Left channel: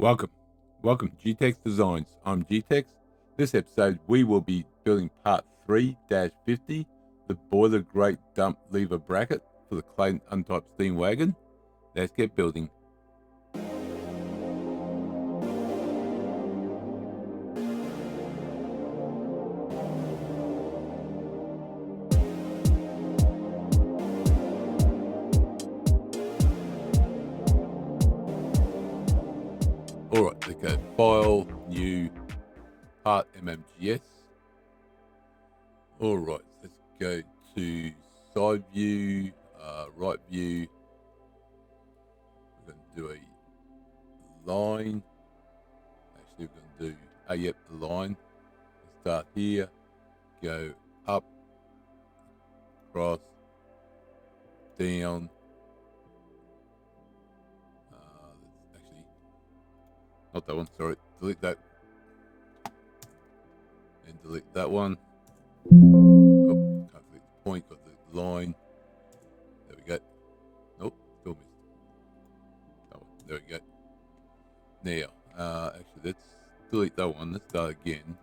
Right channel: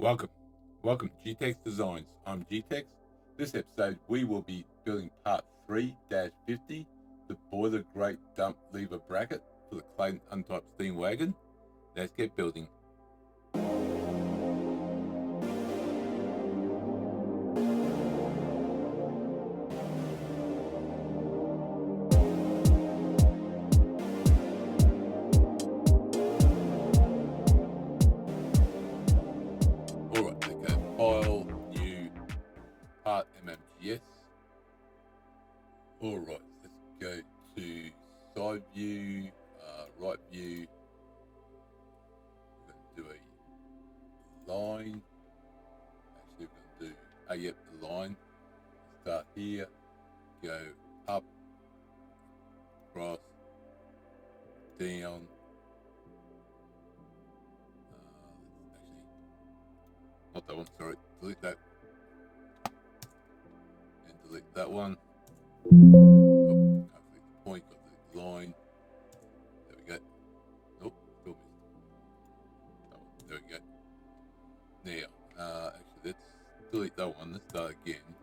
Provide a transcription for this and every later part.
Welcome. Welcome, G-Tex Designs. I'm G-Tex. This episode, we will be building part 3-50, the boiler grate dump lever bracket for the Clayton Undertype steam wagon. Let's get building. Alright, let's go file, new, part MMGS. Alright, let's go to side view, right view. We're going to do a line. Actually, we're going to do, a line. Start here, go up, across, down. Actually, not that one, sorry, delete that. And delete that one. Oh, can't delete the point, got the line. There we go. Nope, still missed. That one, there we go. Now, actually, let's delete that one. Let's start again.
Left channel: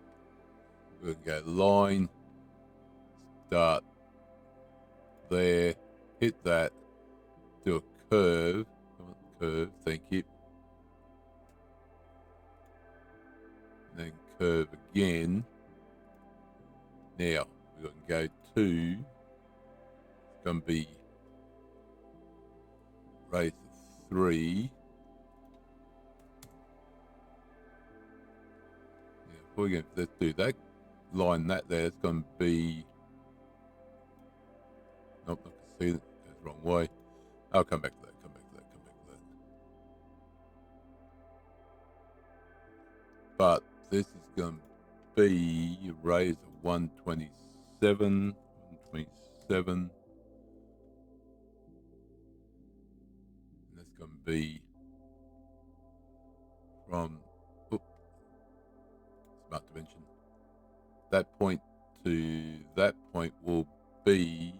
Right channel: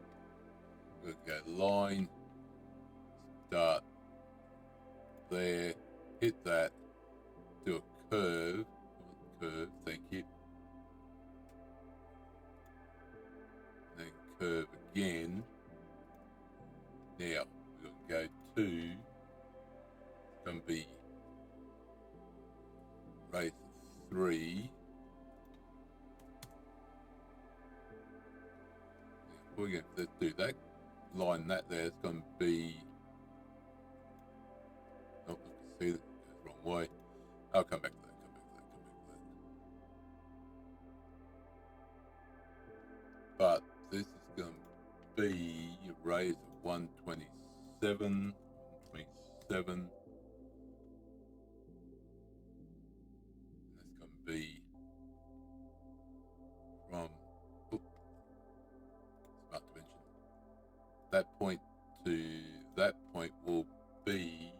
We're going to go line, start there, hit that, do a curve. Curve, thank you. And then curve again. Now, we're going to go to, it's going to be raise to 3. Now, let's do that. Line that there, it's going to be, nope, I can see that, goes the wrong way. I'll come back to that, But this is going to be a raise of 127. And that's going to be from smart dimension. That point to that point will be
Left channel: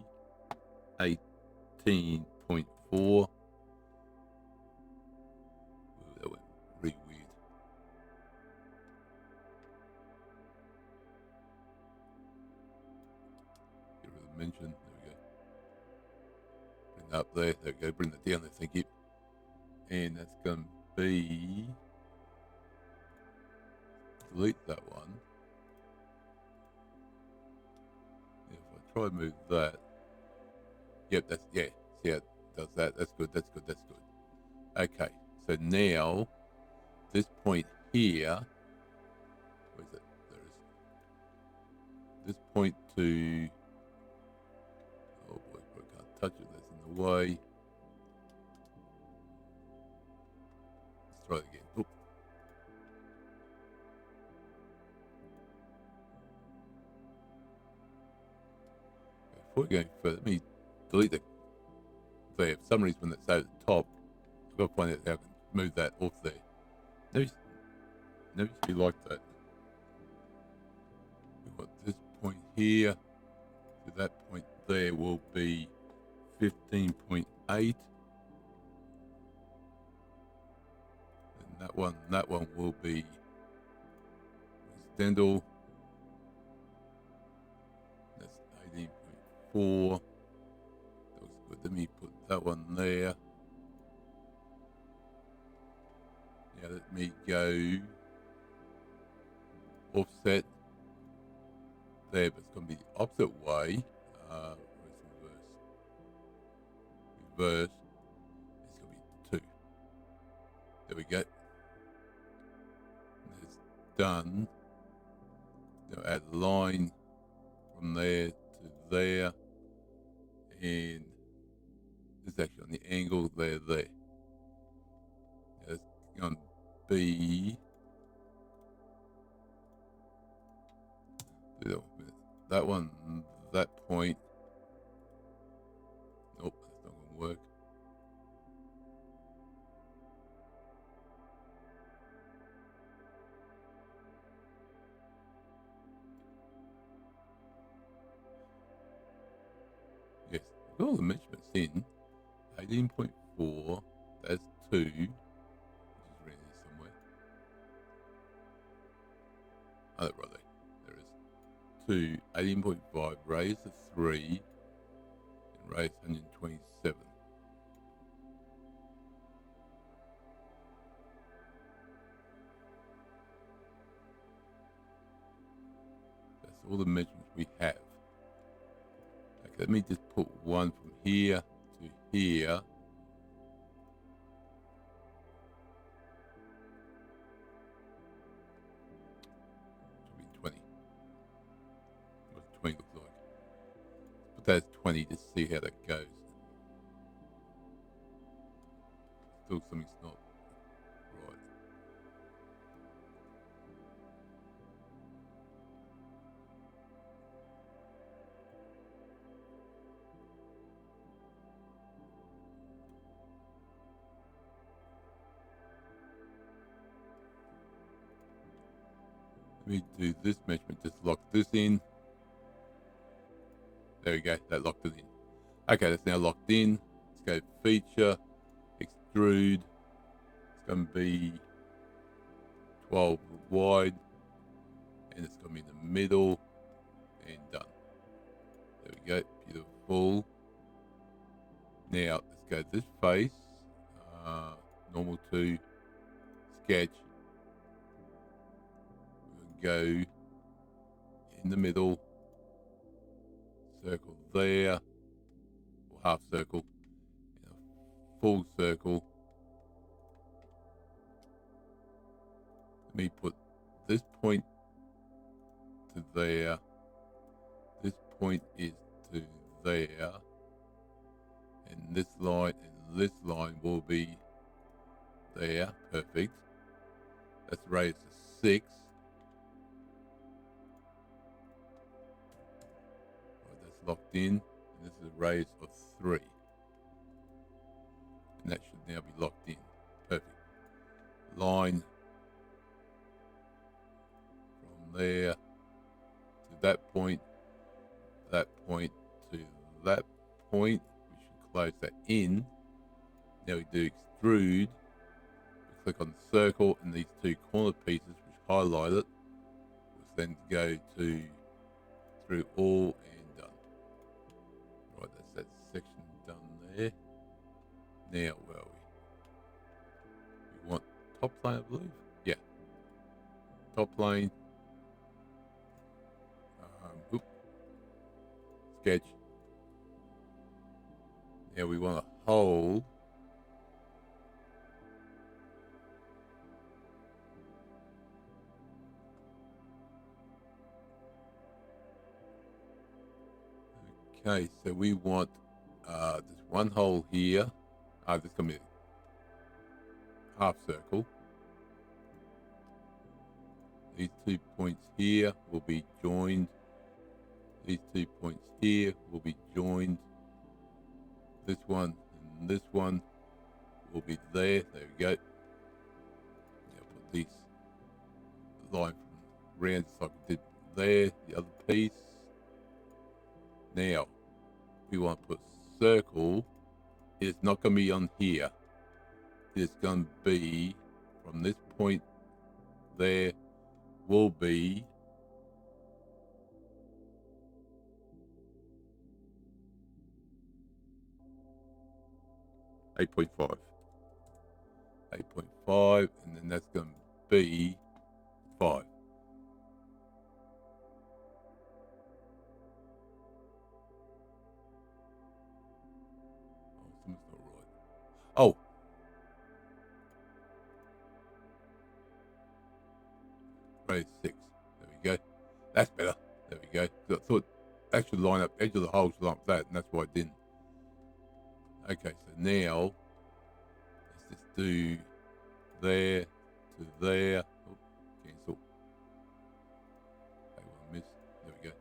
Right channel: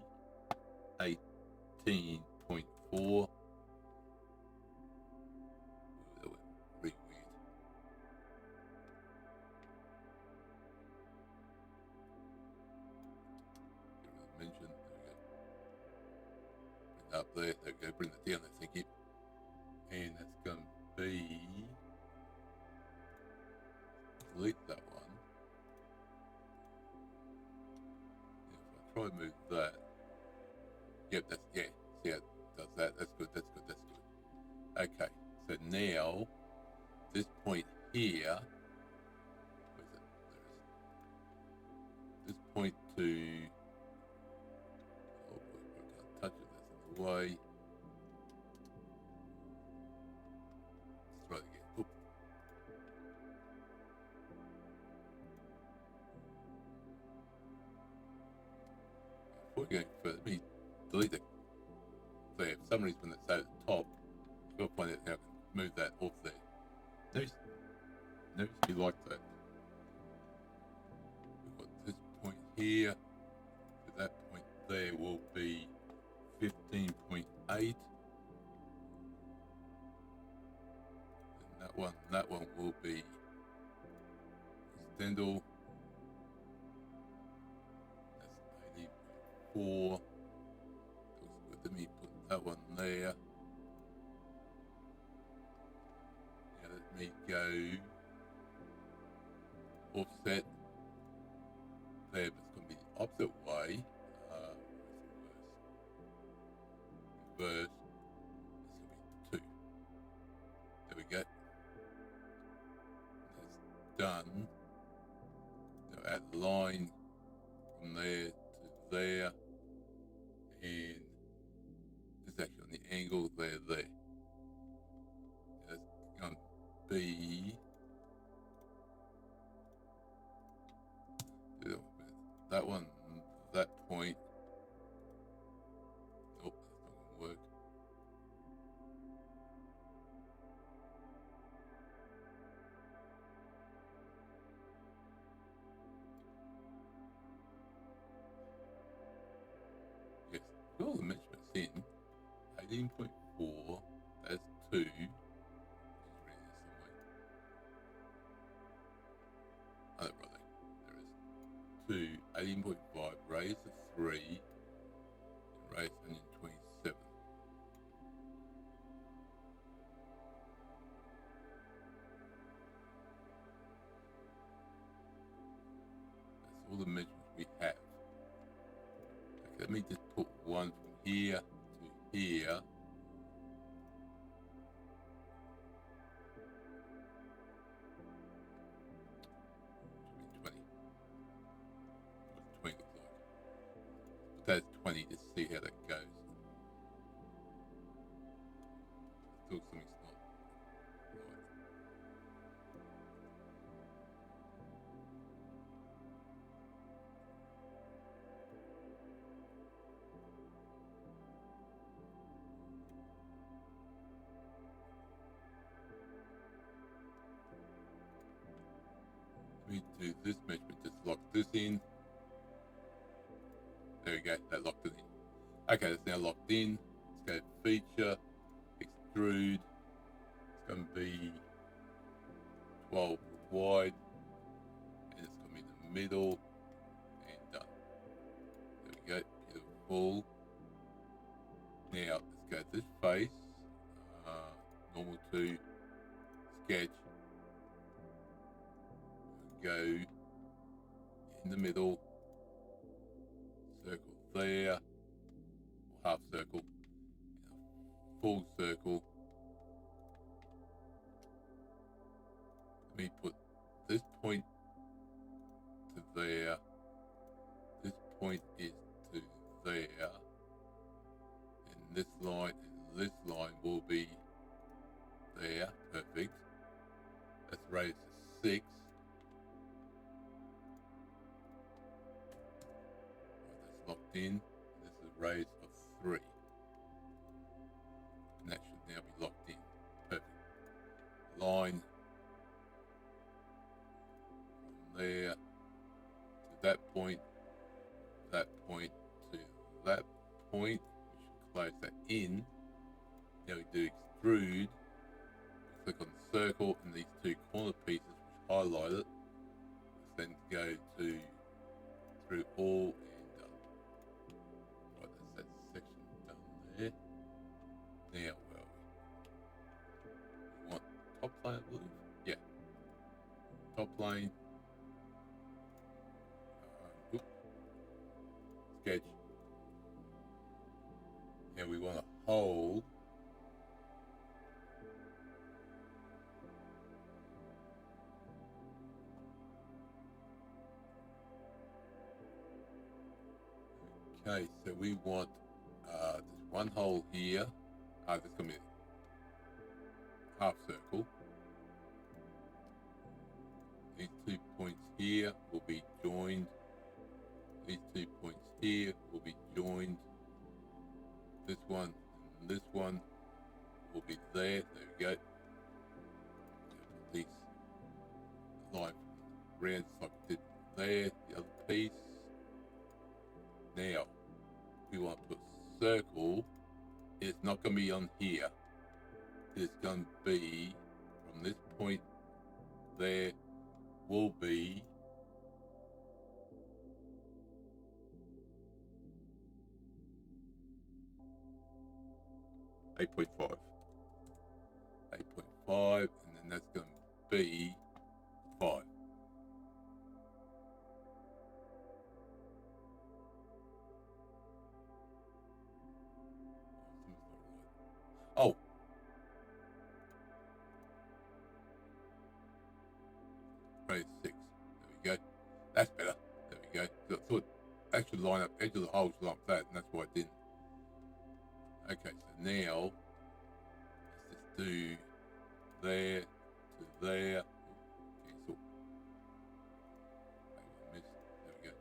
18.4. That went really weird. Get rid of the dimension. There we go. Bring that up there. There we go. Bring that down there. Thank you. And that's going to be, delete that one. If I try to move that, yep, that's, yeah, see how it does that. That's good. Okay, so now this point here, where is it? There it is. This point to, oh boy, I can't touch it. That's in the way. Let's try it again. Oop. Before we go further, let me delete the, there. For some reason, when it's at the top, I've got to find out how I can move that off there. Never used to be like that. We've got this point here, so that point there will be 15.8. And that one will be extendal. That's 18.4. Looks good. Let me put that one there. Now let me go offset there, but it's going to be the opposite way. Reverse. It's going to be 2. There we go. That's done. Now add a line from there to there, and it's actually on the angle there. It's going to be that one, that point. Nope, that's not going to work. Yes, all the measurements in 18.4. That's 2, which is really somewhere. Oh, right there. There is 2, 18.5, raised to 3, and raised 127. That's all the measurements we have. Okay, let me just put one from here to here. Should be 20. What 20 looks like. But that's 20 to see how that goes. Still something's not right. Let me do this measurement, just lock this in. There we go, that locked it in. Okay, that's now locked in. Let's go feature, extrude. It's going to be 12 wide, and it's going to be in the middle, and done. There we go, beautiful. Now, let's go to this face, normal to sketch. Go in the middle, circle there, or half circle, and a full circle. Let me put this point to there, this point is to there, and this line will be there. Perfect. Let's raise to 6. That's locked in. And this is a raise of 3. And that should now be locked in. Perfect. Line from there to that point to that point. We should close that in. Now we do extrude. We click on the circle and these 2 corner pieces which highlight it, which then go to through all and done. Right, that's that section done there. Now where are we? We want top plane, I believe. Yeah, top plane. Sketch. Now we want a hole. Okay, so we want there's one hole here. There's going to be a half circle. These 2 points here will be joined. These 2 points here will be joined. This one and this one will be there. There we go. Now put this line from round just like we did there. The other piece. Now we want to put circle. It's not going to be on here. It's going to be from this point there will be eight point five, and then that's going to be 5. Oh, right, 6. There we go. That's better. There we go. I thought that should line up, edge of the hole should line up that, and that's why I didn't. Okay, so now let's just do there to there. Oh, cancel. Okay, one miss. There we go.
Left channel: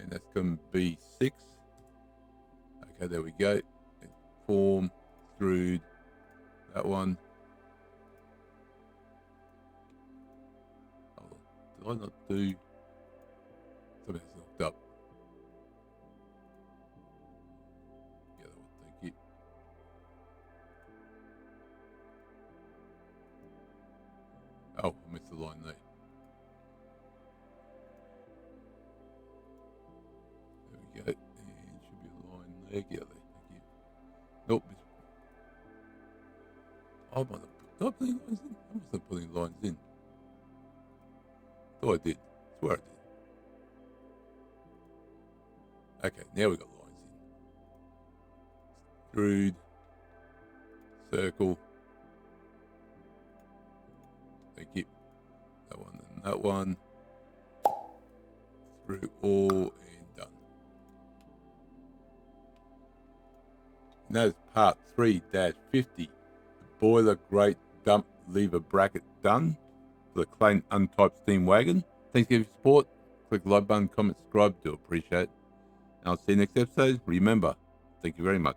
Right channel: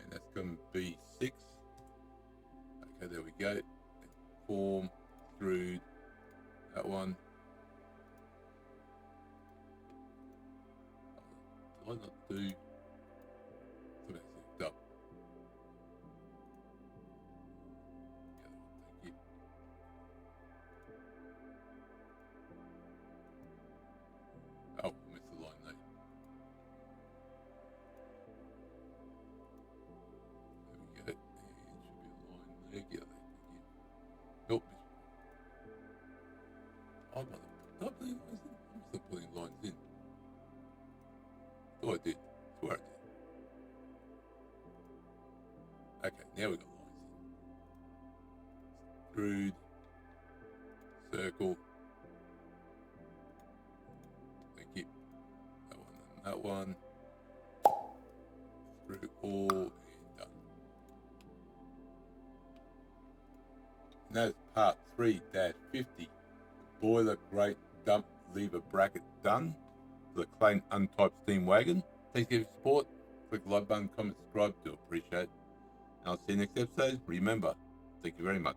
And that's going to be 6. Okay, there we go. And form, extrude, that one. Oh, did I not do something that's looked up? Yeah, that one, thank you. Oh, I missed the line there. I might have did I put any lines in? I must have put any lines in. Oh, I did. I swear I did. Okay, now we got lines in. Extrude. Circle. Thank you. That one and that one. Through all and done. And that is part 3-50. The boiler grate dump lever bracket done for the Clayton Undertype steam wagon. Thanks for your support. Click the like button, comment, subscribe. Do appreciate it. And I'll see you next episode. Remember, thank you very much.